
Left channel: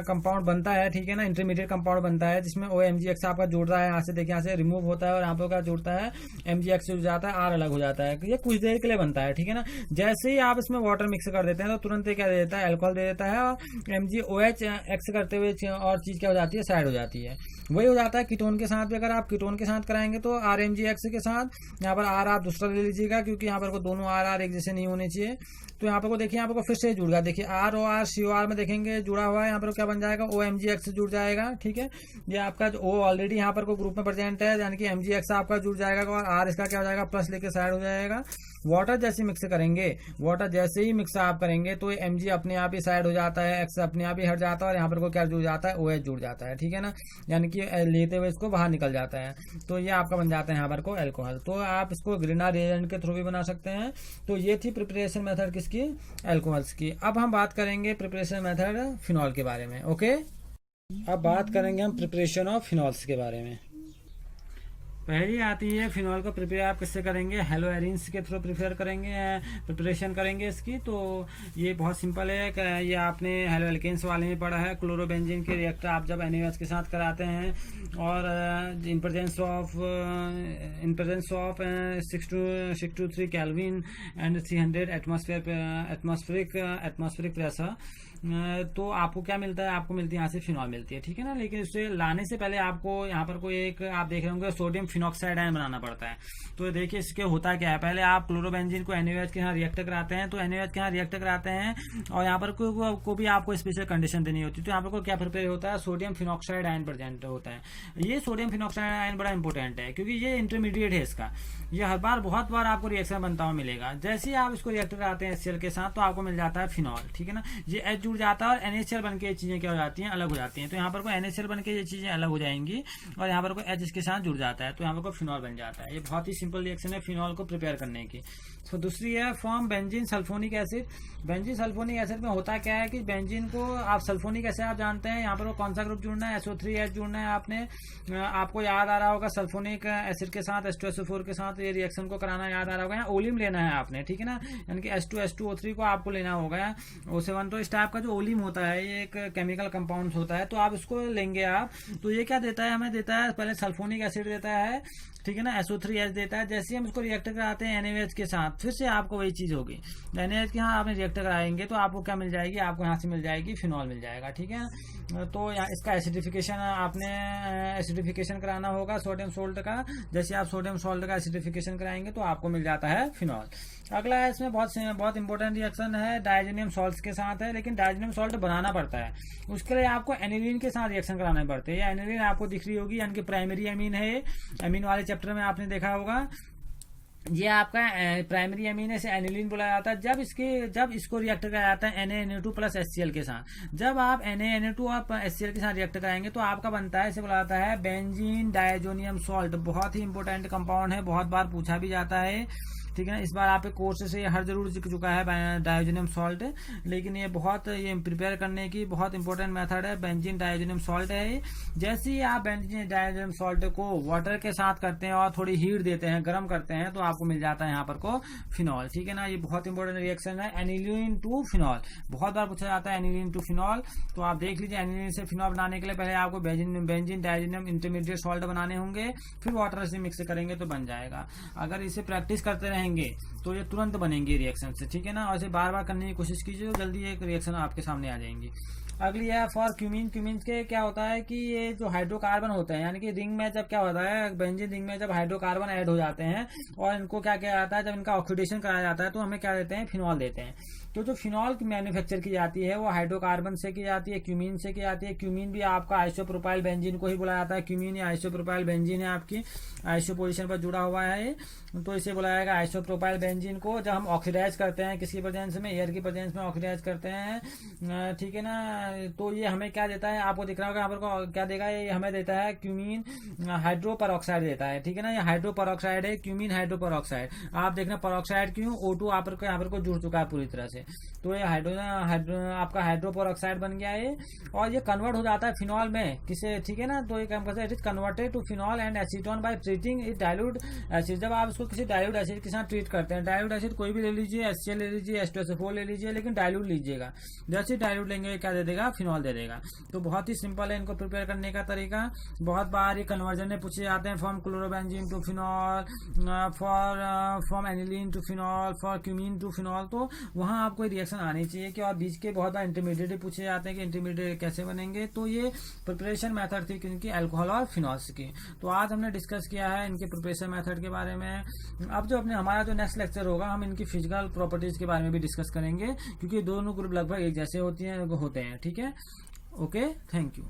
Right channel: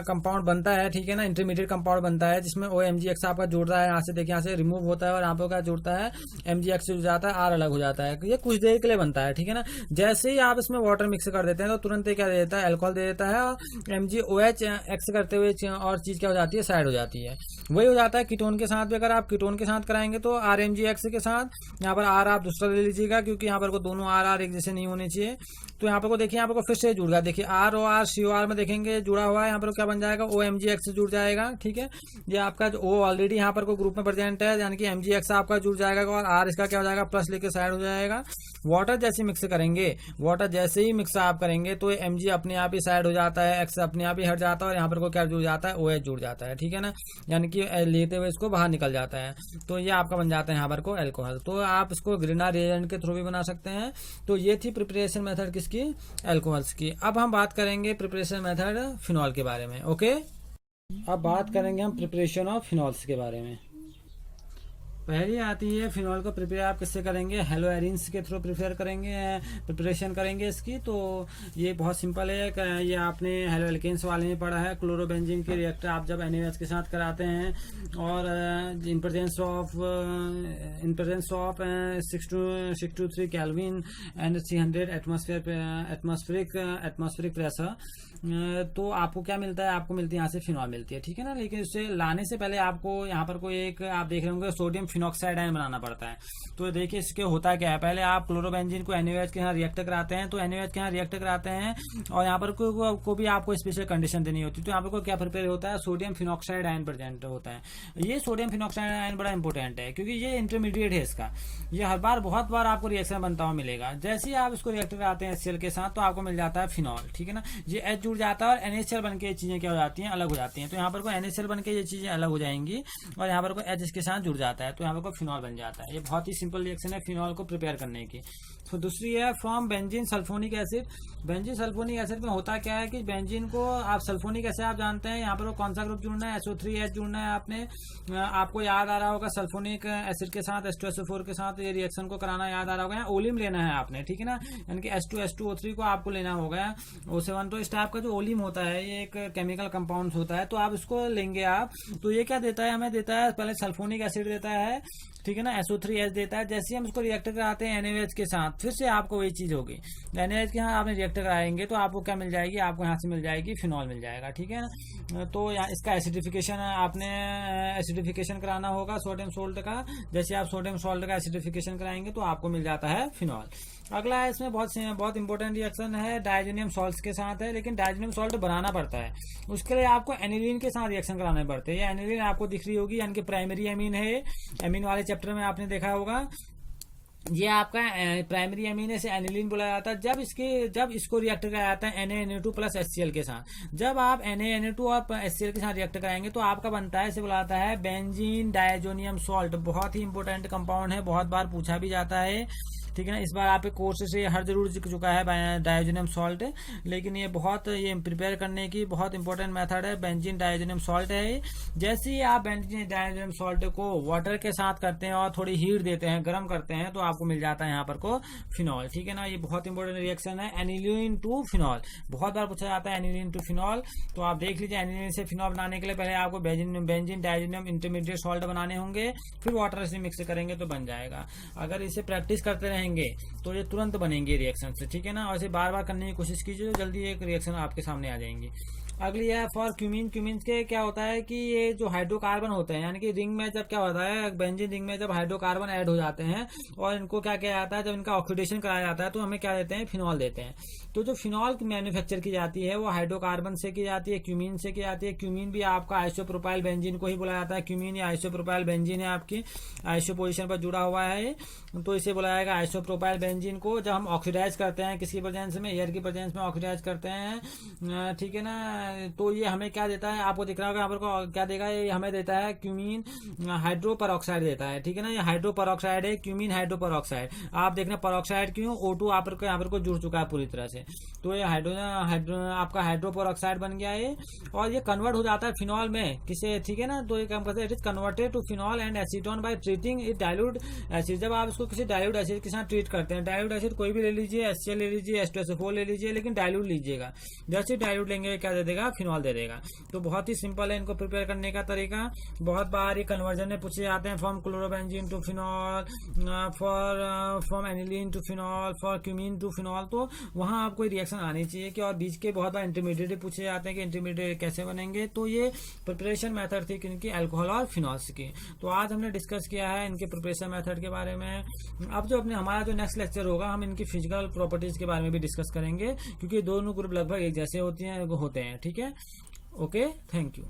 कंपाउंड बनता है, ठीक है ना, इंटरमीडिएट कंपाउंड बनता है जिसमें MgX आपका जुड़ रहा है। यहाँ से देखिए, यहाँ से रिमूव होता है और यहाँ पर क्या जुड़ता है, MgX जुड़ जाता है, R अलग हो जाता है। ये कुछ देर के लिए बनता है, ठीक है ना। जैसे ही आप इसमें वाटर मिक्स कर देते हैं तो तुरंत क्या दे देता है, अल्कोहल दे देता है। और MgOH करते हुए और चीज क्या हो जाती है, साइड हो जाती है। वही हो जाता है कीटोन के साथ भी। अगर आप कीटोन के साथ कराएंगे तो RMgX के साथ यहाँ पर R आप दूसरा ले लीजिएगा, क्योंकि यहाँ पर को दोनों R एक जैसे नहीं होने चाहिए। तो यहाँ पर को देखिए, यहाँ पर को फिर से जुड़ गया। देखिए ROR COR में देखेंगे जुड़ा हुआ है, यहाँ पर क्या बन जाएगा, OMGX जुड़ जाएगा। ठीक है, ये आपका जो O ऑलरेडी यहाँ पर को ग्रुप में प्रेजेंट है, यानी कि MGX आपका जुड़ जाएगा और R इसका क्या हो जाएगा, प्लस लेके साइड हो जाएगा। वाटर जैसे मिक्स करेंगे, वाटर जैसे ही मिक्स आप करेंगे तो Mg अपने आप ही साइड हो जाता है, X अपने आप ही हट जाता है और यहाँ पर को क्या जुड़ जाता है, OH जुड़ जाता है। ठीक है ना, यानी कि लेते हुए इसको बाहर निकल जाता है, तो ये आपका बन जाता है यहाँ पर को एल्कोहल। तो आप इसको ग्रीना रिएजेंट के थ्रू भी बना सकते हैं। तो ये थी प्रिपरेशन मेथड किसकी, एल्कोहल्स की। अब हम बात करेंगे प्रिपरेशन मेथड फिनॉल के बारे में। ओके, अब बात करेंगे हम प्रिपरेशन ऑफ फिनॉल्स के बारे में। पहली आती है फिनॉल को प्रिपेयर आप किससे करेंगे, हेलो एरिन्स के थ्रू प्रिपेयर करेंगे, प्रिपरेशन करेंगे इसकी। तो ये बहुत सिंपल है, ये आपने हेलो एल्केन्स वाले में पढ़ा है। क्लोरोबेंजीन के रिएक्टर आप जब NaOH के साथ कराते हैं और in presence of 623 kelvin and 300 atmospheric pressure, तो आपको क्या मिलता है, आपको मिलती है यहाँ से फिनॉल मिलती है। ठीक है ना, लेकिन इसे लाने से पहले आपको यहाँ पर कोई एक आप देख रहे होंगे सोडियम फिनॉक्साइड आयन बनाना पड़ता है। तो देखिए इसके होता क्या है, पहले आप क्लोरोबेंजीन को NaOH के यहाँ रिएक्ट कराते हैं, तो NaOH के यहाँ रिएक्ट कराते हैं और यहाँ पर को भी आपको स्पेशल कंडीशन देनी होती है। तो यहाँ पर को क्या प्रिपेयर होता है, सोडियम फिनॉक्साइड आयन प्रेजेंट होता है। ये सोडियम फिनॉक्साइड आयन बड़ा इंपॉर्टेंट है क्योंकि ये इंटरमीडिएट है इसका, ये हर बार बहुत बार आपको रिएक्शन बनता हुआ मिलेगा। जैसे ही आप इसको रिएक्ट कराते हैं HCl के साथ तो आपको मिल जाता है फिनॉल। ठीक है ना, ये H जुड़ जाता है और NaCl बन के ये चीजें क्या हो जाती हैं, अलग हो जाती हैं। तो यहाँ पर को NaCl बन के ये चीजें अलग हो जाएंगी और यहाँ पर को H इसके साथ जुड़ जाता है, तो यहाँ पर को फिनॉल बन जाता है। ये बहुत ही सिंपल रिएक्शन है फिनॉल को प्रिपेयर करने की। तो दूसरी है from benzene sulphonic acid. Benzene sulphonic acid में होता क्या है कि बेंजीन को आप सल्फोनिक एसिड आप जानते हैं, यहाँ पर कौन सा ग्रुप जुड़ना है, SO3H जुड़ना है। आपको याद आ रहा होगा सल्फोनिक एसिड के साथ H2SO4 के साथ ये रिएक्शन को कराना याद आ रहा होगा। ओलिम लेना है आपने, ठीक है ना, यानी कि H2SO3 को आपको लेना होगा। O7 तो इस टाइप का जो ओलिम होता है ये एक केमिकल कंपाउंड होता है, तो आप इसको लेंगे आप। तो ये क्या देता है, हमें देता है पहले सल्फोनिक एसिड देता है, ठीक है ना, SO3H देता है। जैसे हम इसको रिएक्टर कराते हैं NaOH के साथ, फिर से आपको वही चीज होगी। NaOH के यहाँ आपने रिएक्टर कराएंगे तो आपको क्या मिल जाएगी, आपको यहाँ से मिल जाएगी फिनॉल मिल जाएगा। ठीक है, तो यहाँ इसका एसिडिफिकेशन आपने एसिडिफिकेशन कराना होगा सोडियम सोल्ट का। जैसे आप सोडियम सोल्ट का एसिडिफिकेशन कराएंगे तो आपको मिल जाता है फिनॉल। अगला है इसमें बहुत इंपॉर्टेंट रिएक्शन है, डायजोनियम सॉल्ट के साथ है, लेकिन डायजोनियम सॉल्ट बनाना पड़ता है। उसके लिए आपको एनिलीन के साथ रिएक्शन कराने पड़ते हैं। ये एनिलीन आपको दिख रही होगी, यानी कि प्राइमरी एमीन है। एमीन वाले चैप्टर में आपने देखा होगा, ये आपका प्राइमरी एमीन है, एनिलीन बोला जाता है। जब इसको रिएक्टर कराया जाता है NaNO2 प्लस HCl के साथ, जब आप NaNO2 और HCl के साथ रिएक्टर कराएंगे तो आपका बनता है, इसे बोला जाता है बेंजीन डायजोनियम सॉल्ट। बहुत ही इंपॉर्टेंट कंपाउंड है, बहुत बार पूछा भी जाता है। ठीक है ना, इस बार आपके कोर्स से हर जरूर दिख चुका है डायजोनियम सॉल्ट, लेकिन ये प्रिपेयर करने की बहुत इंपॉर्टेंट मेथड है। बेंजीन डायजोनियम सॉल्ट है। जैसे ही आप बेंजीन डायजोनियम सॉल्ट को वाटर के साथ करते हैं और थोड़ी हीट देते हैं, गर्म करते हैं, तो आपको मिल जाता है यहाँ पर को फिनॉल। ठीक है ना, ये बहुत इंपॉर्टेंट रिएक्शन है, एनिलीन टू फिनॉल। बहुत बार पूछा जाता है एनिलीन टू फिनॉल, तो आप देख लीजिए एनिलीन से फिनॉल बनाने के लिए पहले आपको बेंजीन डायजोनियम इंटरमीडिएट सॉल्ट बनाने होंगे, फिर वाटर से मिक्स करेंगे तो बन जाएगा। अगर इसे प्रैक्टिस करते रहेंगे तो ये तुरंत बनेंगे रिएक्शन से। ठीक है ना, और इसे बार बार करने की कोशिश कीजिए, जल्दी एक रिएक्शन आपके सामने आ जाएंगी। अगली है फॉर क्यूमीन। क्यूमीन के क्या होता है कि ये जो हाइड्रोकार्बन होते हैं, यानी कि रिंग में जब क्या होता है, बेंजीन रिंग में जब हाइड्रोकार्बन ऐड हो जाते हैं और इनको क्या किया जाता है, जब इनका ऑक्सीडेशन कराया जाता है तो हमें क्या देते हैं, फिनॉल देते हैं। तो जो फिनॉल मैन्युफैक्चर की जाती है वो हाइड्रोकार्बन से की जाती है, क्यूमीन से की जाती है। क्यूमीन भी आपका आइसोप्रोपाइल बेंजीन को ही बोला जाता है। क्यूमीन या आइसोप्रोपाइल बेंजीन है, आपकी आइसो पोजीशन पर जुड़ा हुआ है, तो इसे बोला जाएगा आइसोप्रोपाइल बेंजीन को। जब हम ऑक्सीडाइज करते हैं किसी प्रेजेंस में, एयर की प्रेजेंस में ऑक्सीडाइज करते हैं, ठीक है ना, तो ये हमें क्या देता है, आपको दिख रहा होगा यहाँ पर क्या देगा, ये हमें देता है क्यूमीन हाइड्रो पेरोक्साइड देता है। ठीक है ना, ये हाइड्रो पेरोक्साइड है, क्यूमीन हाइड्रो पेरोक्साइड। आप देखना पेरोक्साइड क्यों, O2 यहाँ पर को जुड़ चुका है पूरी तरह से, तो ये आपका हाइड्रो पेरोक्साइड बन गया है और ये कन्वर्ट हो जाता है फिनॉल में किसे, ठीक है ना, तो ये it is converted to phenol and acetone by treating it dilute acid. जब आप इसको किसी डाइल्यूट एसिड के साथ ट्रीट करते हैं, डाइल्यूट एसिड कोई भी ले लीजिए, HCl ले लीजिए, H2SO4 ले लीजिए, लेकिन डाइल्यूट लीजिएगा। जैसे डाइल्यूट लेंगे क्या दे देगा, देगा, फिनॉल दे देगा। तो बहुत ही सिंपल है इनको प्रिपेयर करने का तरीका। बहुत बार ये कन्वर्जन में पूछे जाते हैं, from chlorobenzene to phenol, from aniline to phenol, for cumene to phenol. तो वहां आपको रिएक्शन आनी चाहिए कि, और बीच के बहुत बार इंटरमीडिएट पूछे जाते हैं कि इंटरमीडिएट कैसे बनेंगे। तो ये प्रिपरेशन मेथड थी किनकी, अल्कोहल और फिनॉल्स की। तो आज हमने डिस्कस किया है इनके प्रिपरेशन मेथड के बारे में। अब जो हमारा जो नेक्स्ट लेक्चर होगा, हम इनकी फिजिकल प्रॉपर्टीज के बारे में भी डिस्कस करेंगे, क्योंकि दोनों ग्रुप लगभग एक जैसे होते हैं। ठीक है, ओके, थैंक यू।